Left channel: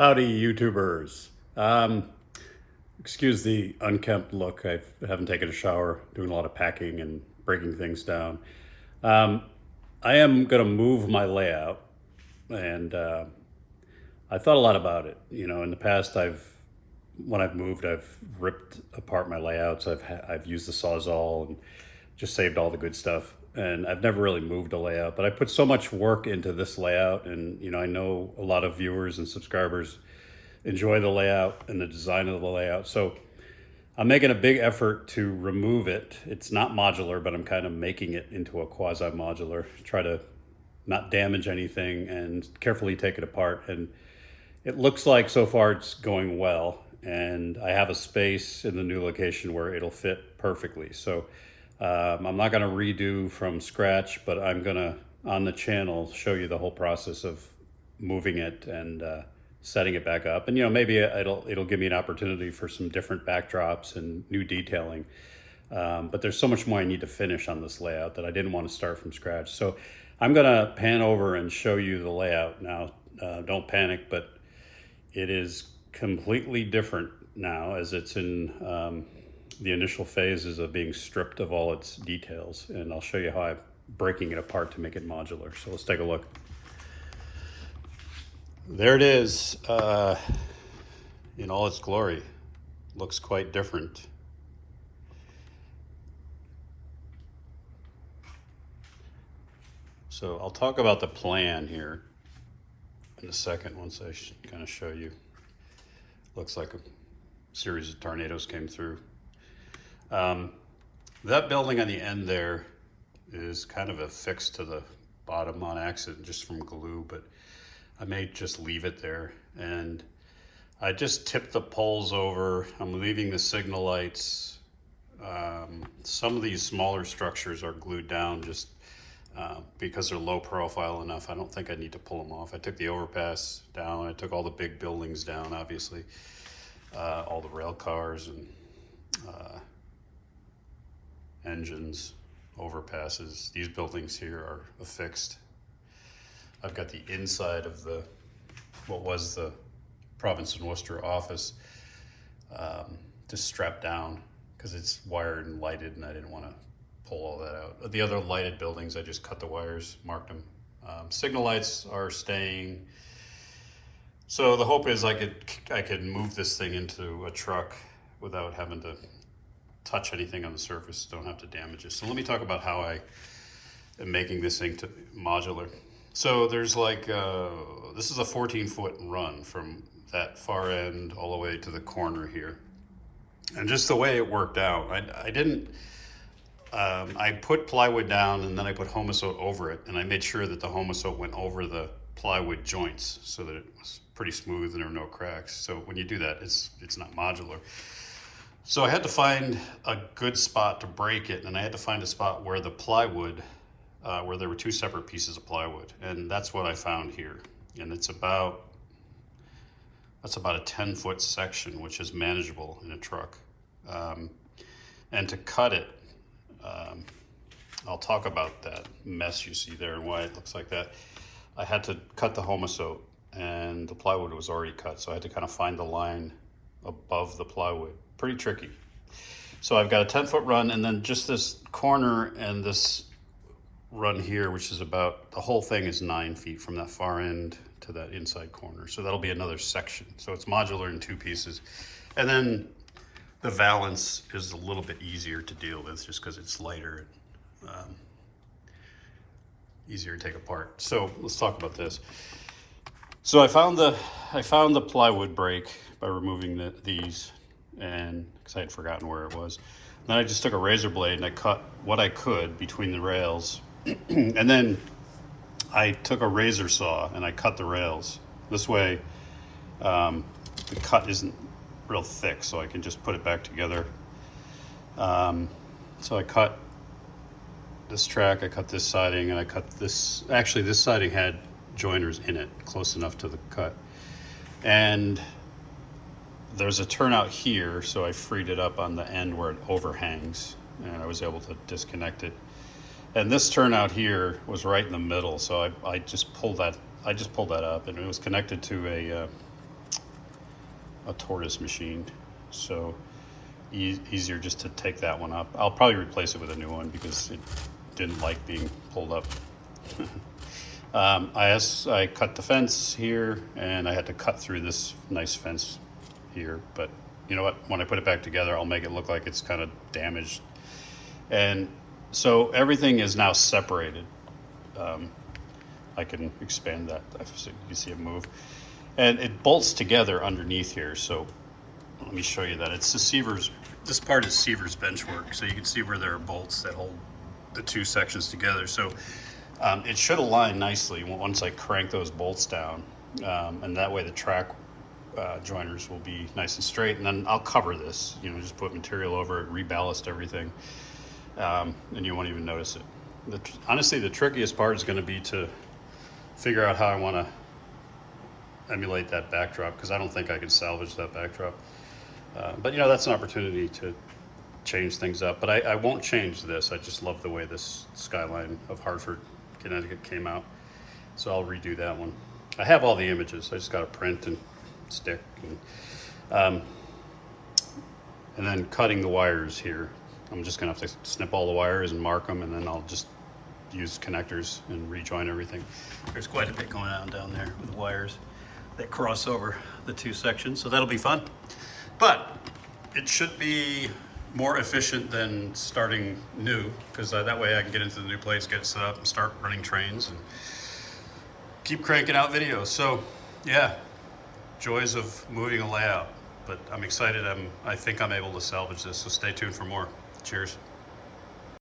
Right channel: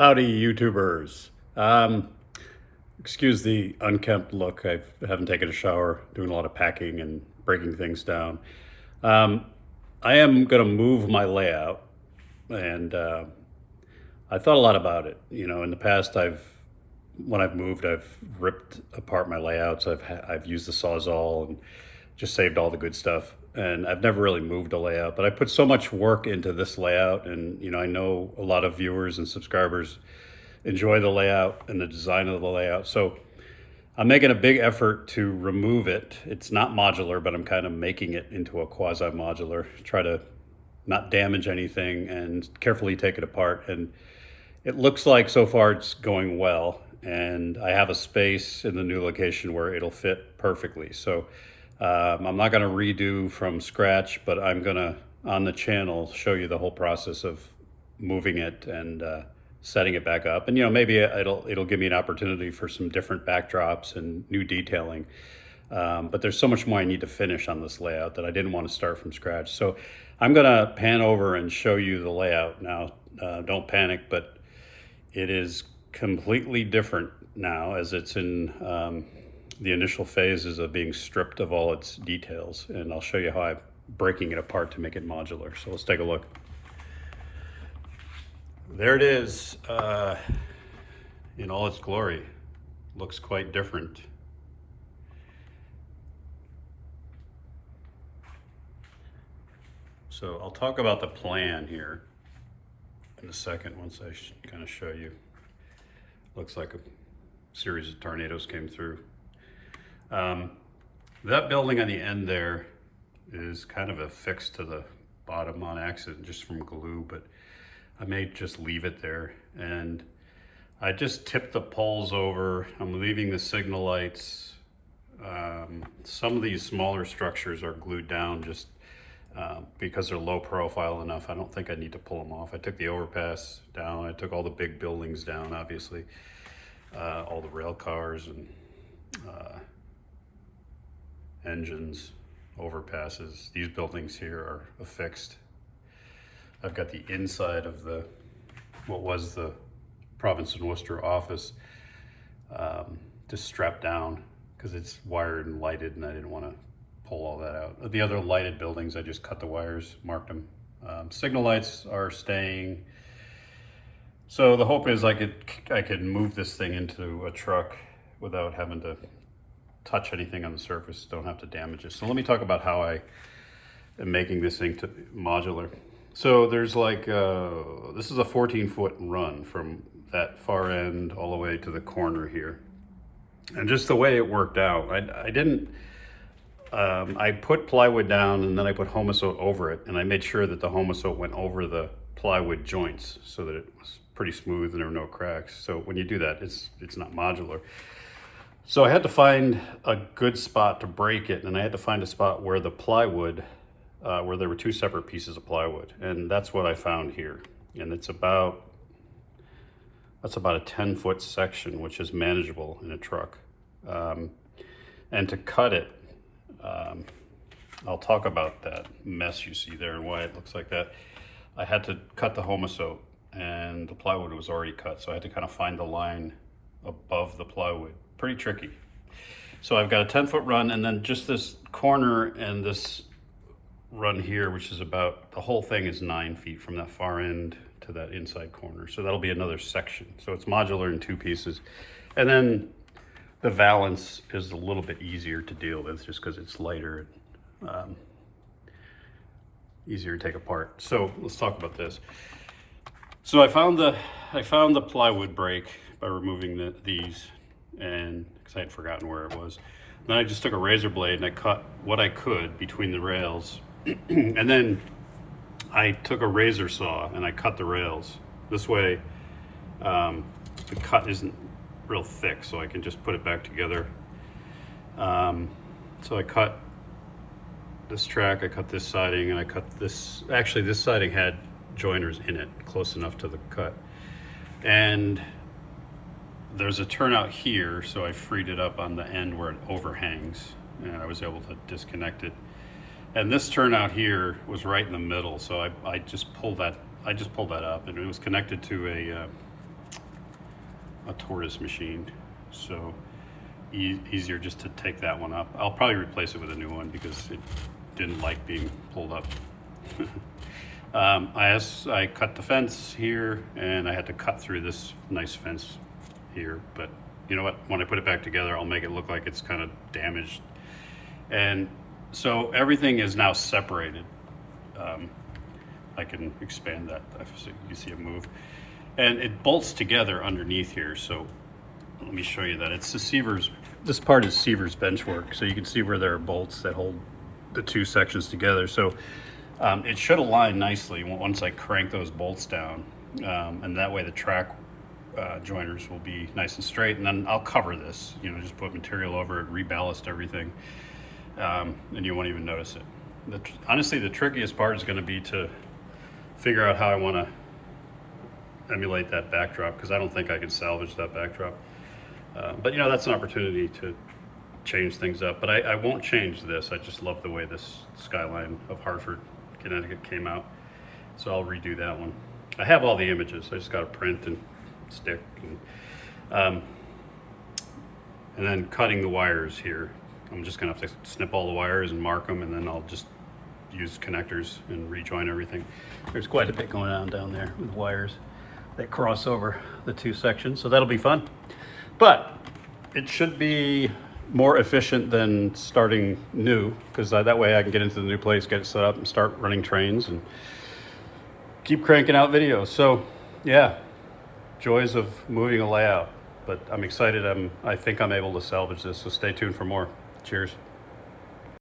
Howdy, YouTubers. Excuse the unkempt look. I haven't taken a shower, doing a lot of packing and breaking things down. Um, I am going to move my layout, and I thought a lot about it. You know, in the past, when I've moved, I've ripped apart my layouts. I've used the Sawzall and just saved all the good stuff. And I've never really moved a layout, but I put so much work into this layout, and I know a lot of viewers and subscribers enjoy the layout and the design of the layout. So I'm making a big effort to remove it. It's not modular, but I'm kind of making it into a quasi-modular. Try to not damage anything and carefully take it apart. And it looks like so far it's going well. And I have a space in the new location where it'll fit perfectly. So I'm not going to redo from scratch, but I'm going to, on the channel, show you the whole process of moving it and setting it back up. And maybe it'll give me an opportunity for some different backdrops and new detailing. But there's so much more I need to finish on this layout that I didn't want to start from scratch. So I'm going to pan over and show you the layout now. Don't panic, but it is completely different now, as it's in the initial phases of being stripped of all its details. And I'll show you how I'm breaking it apart to make it modular. So let's take a look. There it is in all its glory. Looks quite different. So I'll talk about the plan here in a second once I kind of show you. Looks like a series of tornadoes came through. That building on the end there is kind of affixed to the bottom on accident just from glue, but I may just leave it there. And I just tipped the poles over. I'm leaving the signal lights. Some of these smaller structures are glued down just because they're low profile enough. I don't think I need to pull them off. I took the overpass down. I took all the big buildings down, obviously. All the rail cars and engines, overpasses. These buildings here are affixed. I've got the inside of what was the Province and Worcester office just strapped down because it's wired and lighted, and I didn't want to pull all that out. The other lighted buildings, I just cut the wires, marked them. Signal lights are staying. So the hope is I could move this thing into a truck without having to touch anything on the surface, don't have to damage it. So let me talk about how I am making this thing modular. So there's this is a 14-foot run from that far end all the way to the corner here. And just the way it worked out, I put plywood down and then I put Homosote over it, and I made sure that the Homosote went over the plywood joints so that it was pretty smooth and there were no cracks. So when you do that, it's not modular. So I had to find a good spot to break it, and I had to find a spot where the plywood, where there were two separate pieces of plywood, and that's what I found here. And that's about a 10-foot section, which is manageable in a truck. And to cut it, I'll talk about that mess you see there and why it looks like that. I had to cut the Homosote, and the plywood was already cut, so I had to kind of find the line above the plywood. Pretty tricky. So I've got a 10-foot run, and then just this corner and this run here, which is the whole thing is 9 feet from that far end to that inside corner. So that'll be another section. So it's modular in two pieces. And then the valance is a little bit easier to deal with just because it's lighter and easier to take apart. So let's talk about this. So I found the plywood break by removing these, and because I had forgotten where it was. Then I just took a razor blade and I cut what I could between the rails. And then I took a razor saw and I cut the rails. This way the cut isn't real thick, so I can just put it back together. So I cut this track, I cut this siding, and I cut this. Actually, this siding had joiners in it, close enough to the cut. And there's a turnout here, so I freed it up on the end where it overhangs, and I was able to disconnect it. And this turnout here was right in the middle, so I just pulled that up, and it was connected to a tortoise machined, so easier just to take that one up. I'll probably replace it with a new one because it didn't like being pulled up. I cut the fence here, and I had to cut through this nice fence here, but you know what, when I put it back together, I'll make it look like it's kind of damaged. And so everything is now separated. I can expand that so you can see it move, and it bolts together underneath here. So let me show you that. It's the Seaver's, this part is Seaver's benchwork, so you can see where there are bolts that hold the two sections together. So it should align nicely once I crank those bolts down, and that way the track joiners will be nice and straight. And then I'll cover this, you know, just put material over it, reballast everything, and you won't even notice it. Honestly, the trickiest part is going to be to figure out how I want to emulate that backdrop, because I don't think I could salvage that backdrop. But you know, that's an opportunity to change things up. But I won't change this. I just love the way this skyline of Hartford, Connecticut came out. So I'll redo that one. I have all the images. I just got to print and stick. And then cutting the wires here. I'm just gonna have to snip all the wires and mark them, and then I'll just use connectors and rejoin everything. There's quite a bit going on down there with wires that cross over the two sections, so that'll be fun. But it should be more efficient than starting new, because that way I can get into the new place, get it set up, and start running trains and keep cranking out videos. So yeah, joys of moving a layout. But I'm excited. I think I'm able to salvage this, so stay tuned for more. Cheers.